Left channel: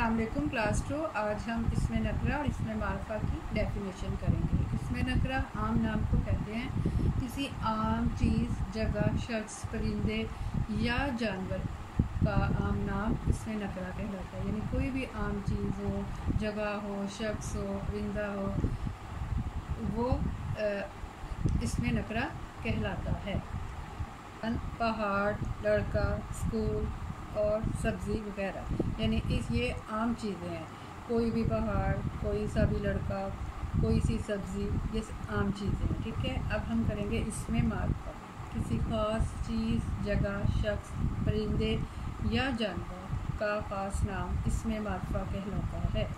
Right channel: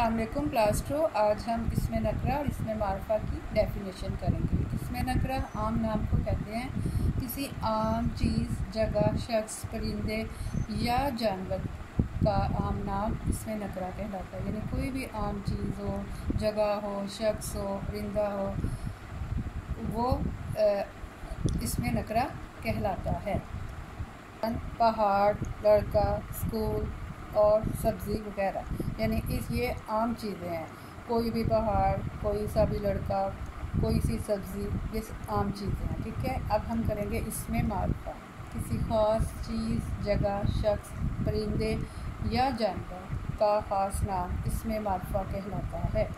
अस्सलाम वालेकुम क्लास 2। आज हम इसमें नकरा और इसमें मारफा की डेफिनेशन करेंगे। इसमें नकरा आम नाम को कहते हैं। किसी आम चीज़, जगह, शख्स, परिंदे या जानवर का आम नाम इसमें नकरा कहलाता है। यानी कोई भी आम चीज़ हो, जगह हो, शख्स हो, परिंदा हो, वो इसमें नकरा कहलाता है। पहाड़, लड़का, स्कूल और सब्ज़ी वगैरह, यानी ये आम चीज़ें हैं। कोई भी पहाड़, कोई सा भी लड़का, कोई सी सब्ज़ी, ये आम चीज़ें हैं। ठीक है, अब हम करेंगे इसमें मारफा। किसी ख़ास चीज़, जगह, शख्स, परिंदे या जानवर का ख़ास नाम इसमें मारफा कहलाता है।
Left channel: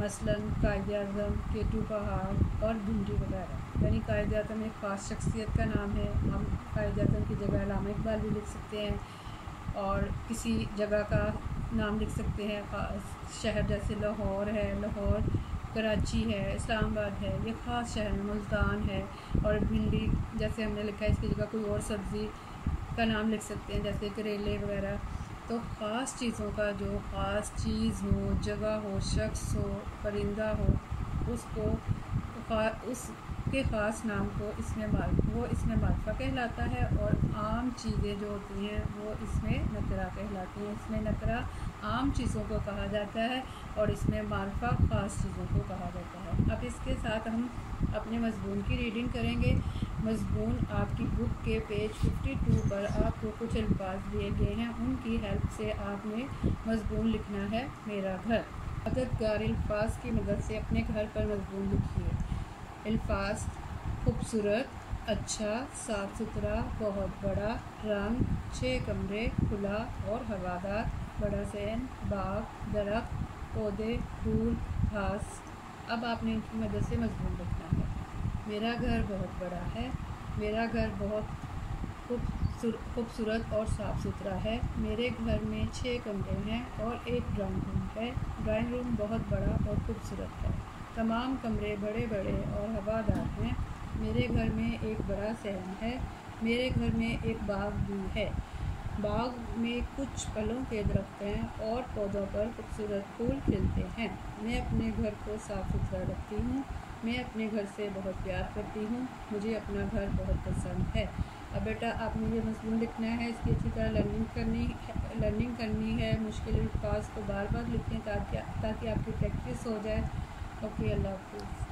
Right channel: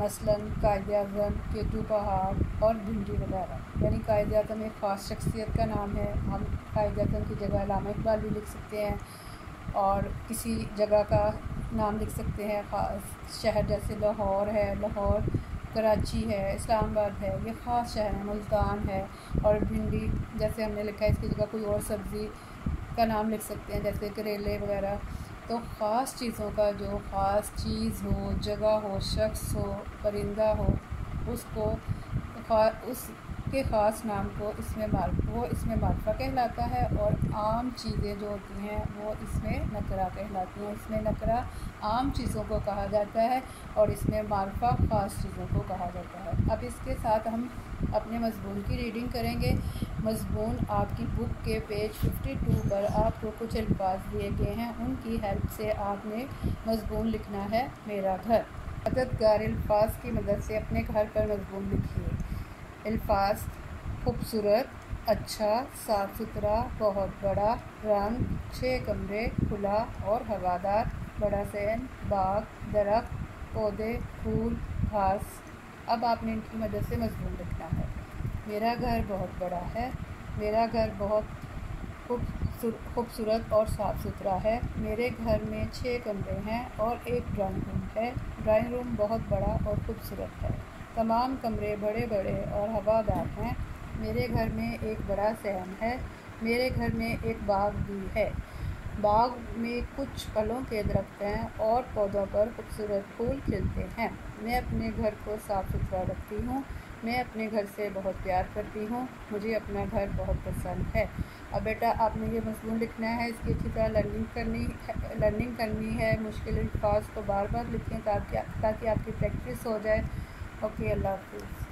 मसलन कायद-ए-आज़म, केटू पहाड़ और भिंडी वगैरह। यानी कायद-ए-आज़म एक ख़ास शख्सियत का नाम है। हम कायद-ए-आज़म की जगह अल्लामा इक़बाल भी लिख सकते हैं, और किसी जगह का नाम लिख सकते हैं। ख़ास शहर जैसे लाहौर है, लाहौर, कराची है, इस्लामाबाद है, ये ख़ास शहर है। मुल्तान है। और भिंडी जैसे हमने लिखा है, इसकी जगह कोई और सब्ज़ी का नाम लिख सकते हैं, जैसे करेले वगैरह। तो ख़ास चीज़ों का जो ख़ास चीज़ हो, जगह हो, शख्स हो, परिंदा हो, उसको उसके ख़ास नाम को इसमें मारफा कहलाता है। और आम चीज़ें जो होती हैं वो इसमें नकरा कहलाती हैं। इसमें नकरा आम चीज़ों को कहा जाता है और इसमें मारफा ख़ास चीज़ों को कहा जाता है। अब इसके साथ हम अपने मज़मून की रीडिंग करेंगे। मज़मून आपकी बुक के पेज 52 पर आपको कुछ अल्फाज दिए गए हैं, उनकी हेल्प से आपने मज़मून लिखना है। मेरा घर। अददगार अल्फाज की मदद से अपने घर पर मज़मून लिखिए। अल्फाज: खूबसूरत, अच्छा, साफ़ सुथरा, बहुत बड़ा, रंग, 6 कमरे, खुला और हवादार, बड़ा सहन, बाग, दरख्त, पौधे, फूल, घास। अब आपने इनकी मदद से मज़मून लिखना है। मेरा घर बहुत बड़ा है। मेरा घर बहुत खूबसूरत और साफ़ सुथरा है। मेरे घर में 6 कमरे हैं और एक ड्राइंग रूम है। ड्राइंग रूम बहुत बड़ा और खूबसूरत है। तमाम कमरे बड़े बड़े और हवादार हैं। मेरे घर में एक बड़ा सहन है। मेरे घर में एक बाग भी है। बाग में कुछ फलों के दरख्त हैं और पौधों पर खूबसूरत फूल खिलते हैं। मैं अपने घर को साफ़ सुथरा रखती हूँ। मैं अपने घर से बहुत प्यार करती हूँ। मुझे अपना घर बहुत पसंद है। अब बेटा आपने ये मज़मून लिखना है, इसकी अच्छी तरह लर्निंग करनी है। मुश्किल अल्फाज को बार बार लिखें ताकि आपकी प्रैक्टिस हो जाए। ओके, अल्लाह हाफ़िज़।